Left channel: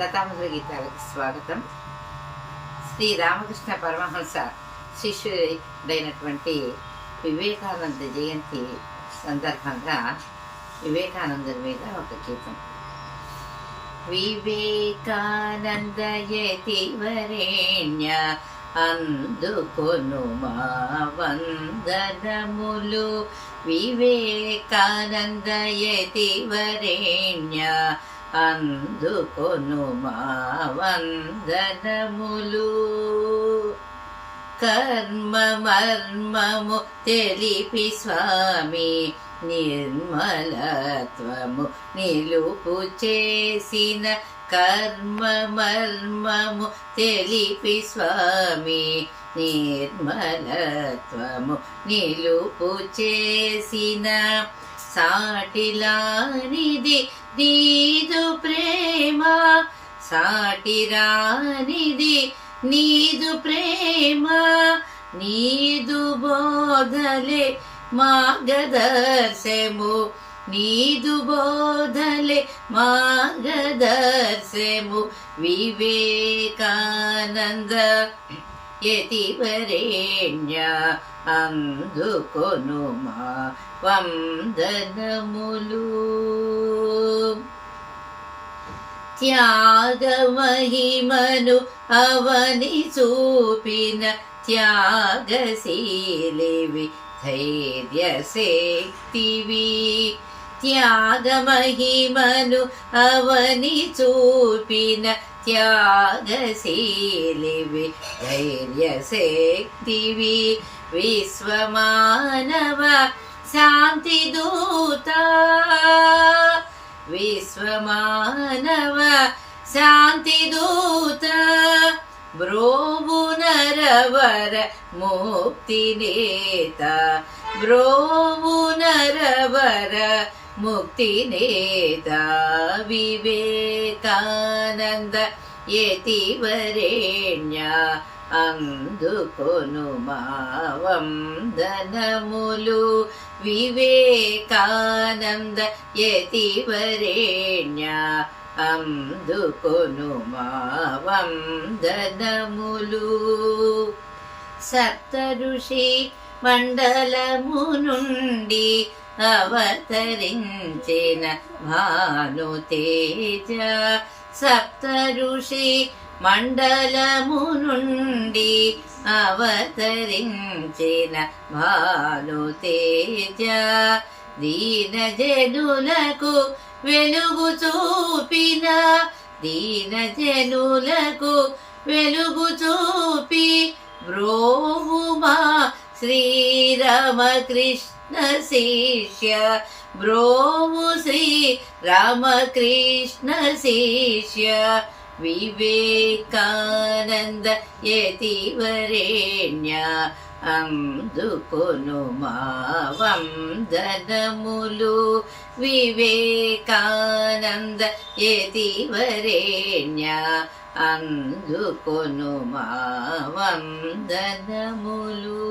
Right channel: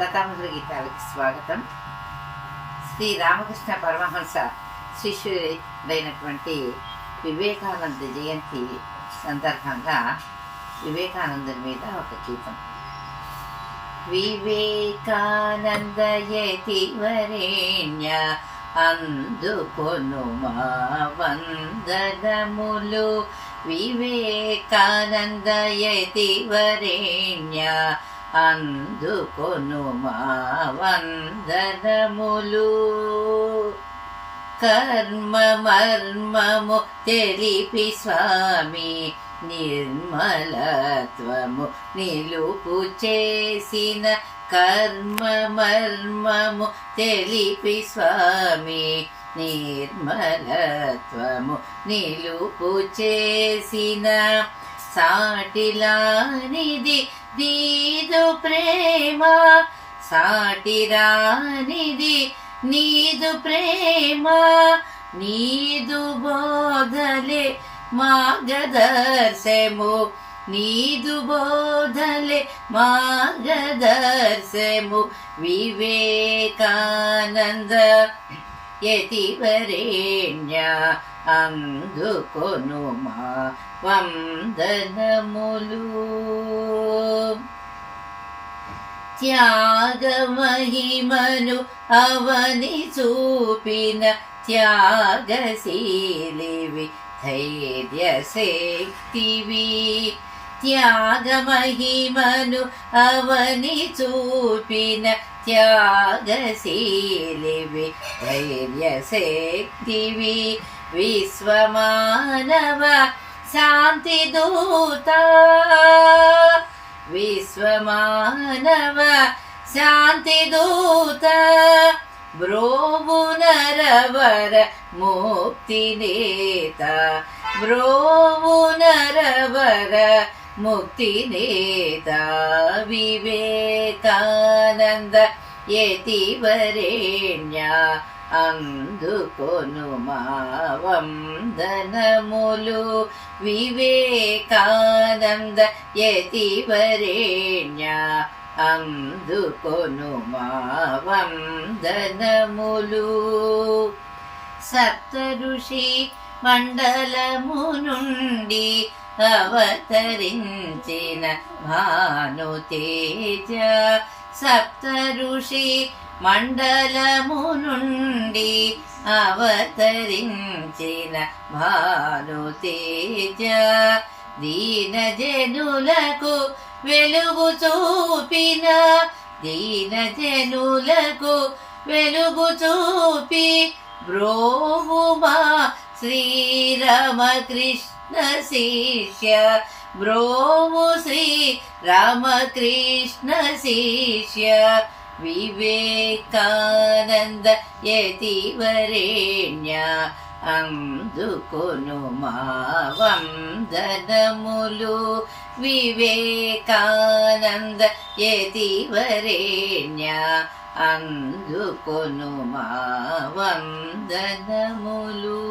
లతామధుర గీతాలకి స్వాగతం. శ్రీ రామకృష్ణ పరమహంస శిష్యుడైనటువంటి వివేకానంద జయంతి సందర్భంగా వివేకానందుని మీద ఒక గీతం. వివేకానంద యతివరేణ్య అందుకొను మా వందనములు. వివేకానంద యతివరేణ్య అందుకొను మా వందనములు. కర్మ మర్మము తెలిపి స్వామి నిర్మలత్వము నిలుపు చేసిన. కర్మ మర్మము తెలిపి స్వామి నిర్మలత్వము నిలుపు చేసిన. సాటిలానిది నీదు ప్రేమ, సాటిరానిది నీదు ప్రేమ. నీదు బోధలే మార్గదర్శము, నీదు బోధలే మార్గదర్శము. వివేకానంద యతివరేణ్య అందుకొను మా వందనములు. త్యాగమహిమను అవని చూపిన త్యాగశీలివి ధైర్యశక్తివి. త్యాగమహిమను అవని చూపిన త్యాగశీలివి ధైర్యశక్తివి. విశ్వమానవ శాంతి దూత, విశ్వమానవ శాంతి దూత. బ్రోవు నరవర ముక్తి నేత, బ్రోవు నరవర ముక్తి నేత. వివేకానంద యతివరేణ్య అందుకొను మా వందనములు. వివేకానంద యతివరేణ్య అందుకొను మా వందనములు. సప్త ఋషి మండలము నుండి అవతరించిన భానుతేజ. సప్త ఋషి మండలము నుండి అవతరించిన భానుతేజ. దీనజనులకు వెలుగు చూపిన, దీనజనులకు వెలుగు చూపి. బ్రోవుమా శ్రీరామకృష్ణ శిష్య, బ్రోవు శ్రీరామకృష్ణ శిష్య. వివేకానంద యతివరేణ్య అందుకొను మా వందనములు. వివేకానంద యతివరేణ్య అందుకొను మా వందనములు.